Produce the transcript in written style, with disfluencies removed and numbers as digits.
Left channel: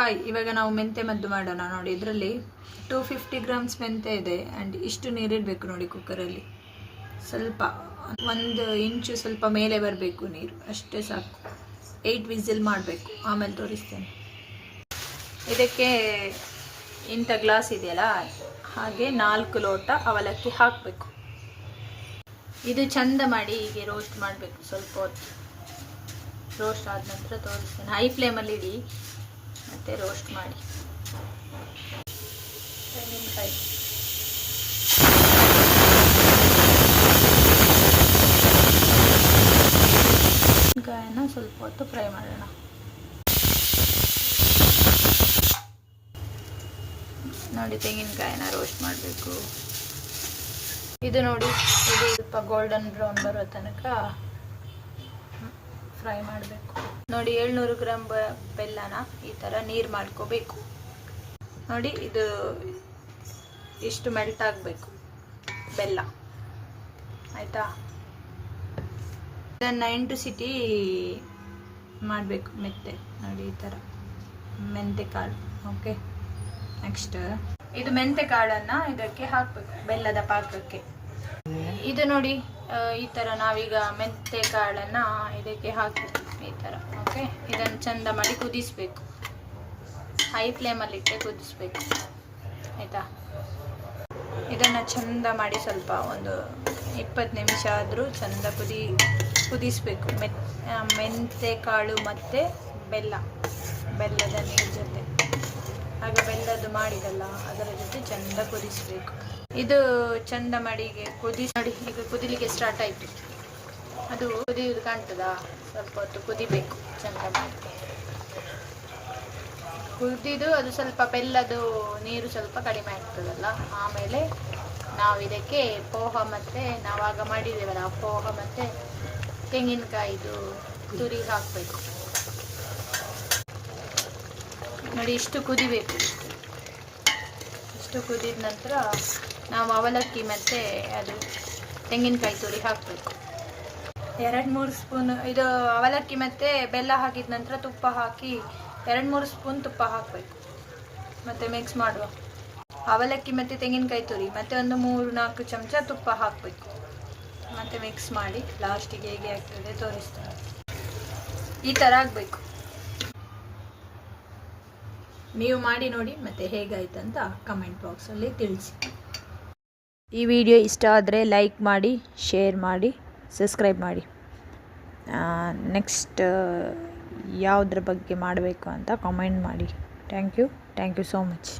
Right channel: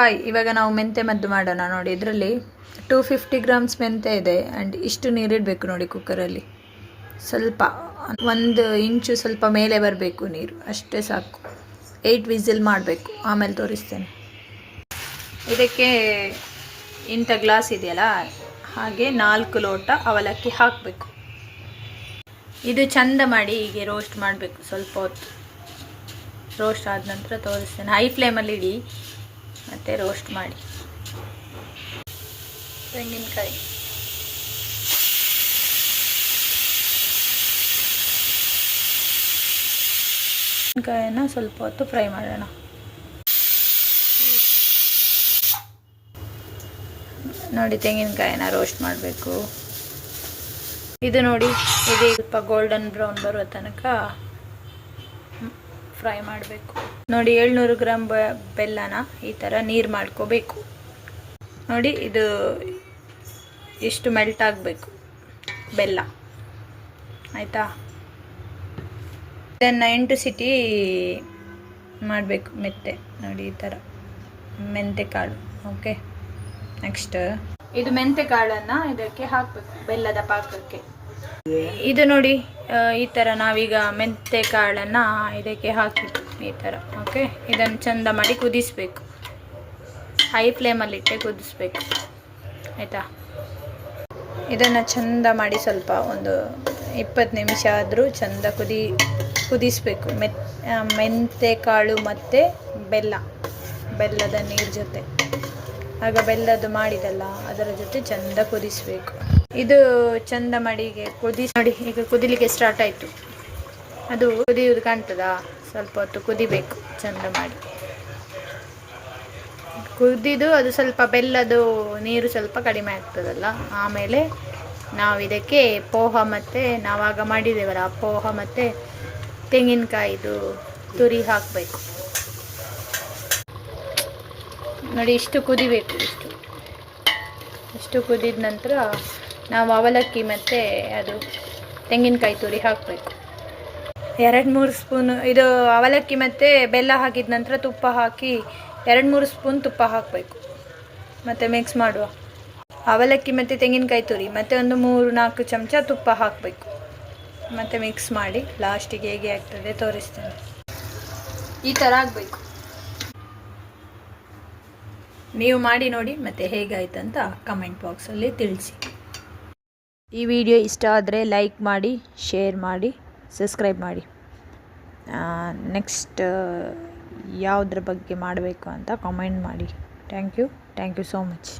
Hi, ಇವಾಗ ನಾವು ಮೆಂತೆ ಮದ್ದು ಮಾಡೋಣ ನೋಡಿ. ಇದರಲ್ಲಿ 250 ಗ್ರಾಮ್ಸ್ ಮೆಂತೆ ಇದೆ ಆ್ಯಂಡ್ ಇಷ್ಟು ನೀರಿಡಬೇಕು ನೋಡಿ ಕುಕ್ಕರಲ್ಲಿ. ಸ್ವಲ್ಪ 1 ಇಂಚು ಸ್ವಲ್ಪ ಮೇಲೆ ಬರಬೇಕು ನೀರು, ಅಷ್ಟೇ ಸಾಕು. 8 ವಿಸಿಲ್ ಮಾಡಬೇಕು, ಆಮೇಲೆ ತೋರಿಸ್ತೇನೆ. ಇದಕ್ಕೆ ಇಂಥ ಗ್ಲಾಸ್ ಇದೆಯಲ್ಲ ಹಾಗೆ 4 ಲೋಟ ಅವಲಕ್ಕಿ ಹಾಕಬೇಕು. ಇದು ಚಂದ ಮಾಡಿ ಹೀಗೆ ರೋಸ್ಟ್ ಮಾಡಬೇಕು. ಸ್ವಲ್ಪ ಹೊತ್ತು ರೋಸ್ಟ್ ಆದ ನಂತರ ತೋರಿಸ್ತೇನೆ. ಹೈ ಫ್ಲೇಮಲ್ಲಿ ಇಡಿ ಮತ್ತು ರೋಸ್ಟ್ ಮಾಡಿ. ತೆಂಗಿನಕಾಯಿ ತೆಂಗಿನಕಾಯನ್ನು ಸ್ವಲ್ಪ ಹೊತ್ತು ಫ್ರೈ ಮಾಡೋಣ. ನೋಡಿ, ತೆಂಗಿನಕಾಯಿನ ರೋಸ್ಟ್ ಮಾಡಬೇಕು. ಇದು ನೋಡಿ, ಇದು ಸ್ವಲ್ಪ ಗೋಲ್ಡನ್ ಬ್ರೌನ್ ಬರೋ ತನಕ ಫ್ರೈ ಮಾಡಬೇಕು. ನೋಡಿ, 700 ಗ್ರಾಮ್ ಬೆಲ್ಲನ ಈ ಥರ ನೀರು ಮಾಡ್ಕೋಬೇಕು. ನೋಡಿ, ಇದು ಇಷ್ಟು ಮೆಲ್ಟ್ ಆಗಬೇಕು ಬೆಲ್ಲ, ಆಯಿತಾ? ಇದನ್ನು 8 ಸಿಟಿ ಮಾಡಬೇಕು ಮೆತ್ತೆ. ನೋಡಿ, ಈ ಥರ ಮೆಂತೆ ಕಾಳು. ಓಕೆ, ನೆಕ್ಸ್ಟ್ ಇದು ಮೆಂತೆ ಕಾಳನ್ನು ಇದಕ್ಕೆ ಹಾಕಬೇಕು, ಬೆಲ್ಲದ ಪಾಕಕ್ಕೆ. ಇದು ನೋಡಿ, ಈ ಥರ ನಾವೀಗ ಮೆಂತೆ ಕಾಳನ್ನು ಇದಕ್ಕೆ ಹಾಕಬೇಕು ಈ ಥರ. ಓಕೆ, ಇದನ್ನು ಚೆಂದ ಮಾಡಿ ಕುದಿಸ್ಬೇಕು. ಹೈ ಫ್ಲೇಮಲ್ಲಿಟ್ಟೆ ಕುದಿಸ್ಬೇಕು, ಆಯಿತಾ? ಇದನ್ನು ಚೆಂದ ಮಾಡಿ ಸ್ವಲ್ಪ ಒಂದು 20 ನಿಮಿಷ ಆದರೂ ಚೆಂದ ಕುದಿಸ್ಬೇಕು. ಮೆಂತೆ ಕಾಳು ಮತ್ತು ಬೆಲ್ಲದ ನೀರು ಜೊತೆ. ಆಗ ಬೆಲ್ಲದ್ದು ಮಾಡಿದಲ್ಲ ಅದರ ಜೊತೆ ಚೆಂದ ಕುದಿಸ್ಬೇಕು. ಇದು ಚೆಂದ ಮಾಡಿ ನೋಡಿ, ಈಗ ಕುದಿಲಿಕ್ಕೆ ಸ್ಟಾರ್ಟ್ ಆಯಿತು. ಅದು ಕುದಿಯೋದು ಕಾಣ್ತದಾ? ಸ್ವಲ್ಪ ಹೊತ್ತು ಕುದಿಬೇಕು ಚೆಂದ ಮಾಡಿ. ಕುದಿದು ಅದು ಸ್ವಲ್ಪ ಬೆಲ್ಲದು ನೀರು ಸ್ವಲ್ಪ ಕಡಿಮೆ ಆಗ್ತದಲ್ಲ, ಆಮೇಲೆ ನಾವು ಇದಕ್ಕೆ ಪೋಹ ಮತ್ತು ನಾವಾಗ ಮಾಡಿದ್ದೇವಲ್ಲ ಆ ಪೋಹ ಮತ್ತು ತೆಂಗಿನಕಾಯಿದು ತುರಿ ಹಾಕಬೇಕು. ನೋಡಿ, ಇಷ್ಟು ಕುದಿಬೇಕು. ಇಷ್ಟು ಕುದಿದ ನಂತರ ನಾವು ಅವಲಕ್ಕಿ ಮತ್ತು ಅದು ತೆಂಗಿನಕಾಯಿ ತುರಿ ಹಾಕಬೇಕು. 2-3 ಸ್ಪೂನು ಇದು ಅವಲಕ್ಕಿ ಮತ್ತು ಬೆಲ್ಲ ಹಾಕಿದ ನಂತರ ತುಪ್ಪ ಹಾಕಿ 2-3 ಸ್ಪೂನ್ ತುಪ್ಪ ಹಾಕಬೇಕು. ಮತ್ತು ಮಿಕ್ಸ್ ಮಾಡುವ. ಅವಲಕ್ಕಿ ಮತ್ತು ತೆಂಗಿನಕಾಯಿ ತುರಿ ಮತ್ತು ಒಂದು 3-4 ಚಮಚ ತುಪ್ಪ ಹಾಕಬೇಕು. ಮತ್ತು ಮಿಕ್ಸ್ ಮಾಡಿ ಲಾಸ್ಟಿಗೆ ಹೇಗೆ ಆಗ್ತದೆ ತೋರಿಸ್ತೇನೆ. ಈ ಥರ ಆಗಬೇಕು. ನೀವು ಮಾಡಿ ನೋಡಿ ಮತ್ತು ಹೇಗಾಯ್ತು ಅಂತ ಕಮೆಂಟ್ ಬಾಕ್ಸಲ್ಲಿ ತಿಳಿಸಿ. ಈ ವಿಡಿಯೋ ಇಷ್ಟ ಆದರೆ ಲೈಕ್ ಮಾಡಿ, ಶೇರ್ ಮಾಡಿ, ಸಬ್ಸ್ಕ್ರೈಬ್ ಮಾಡಿ. ನೆಕ್ಸ್ಟ್ ಯಾವುದ್ರ ಬಗ್ಗೆ ಮಾಡಬೇಕು ಅಂತ ಕಮೆಂಟ್ ಮಾಡಿ. Thank you so much.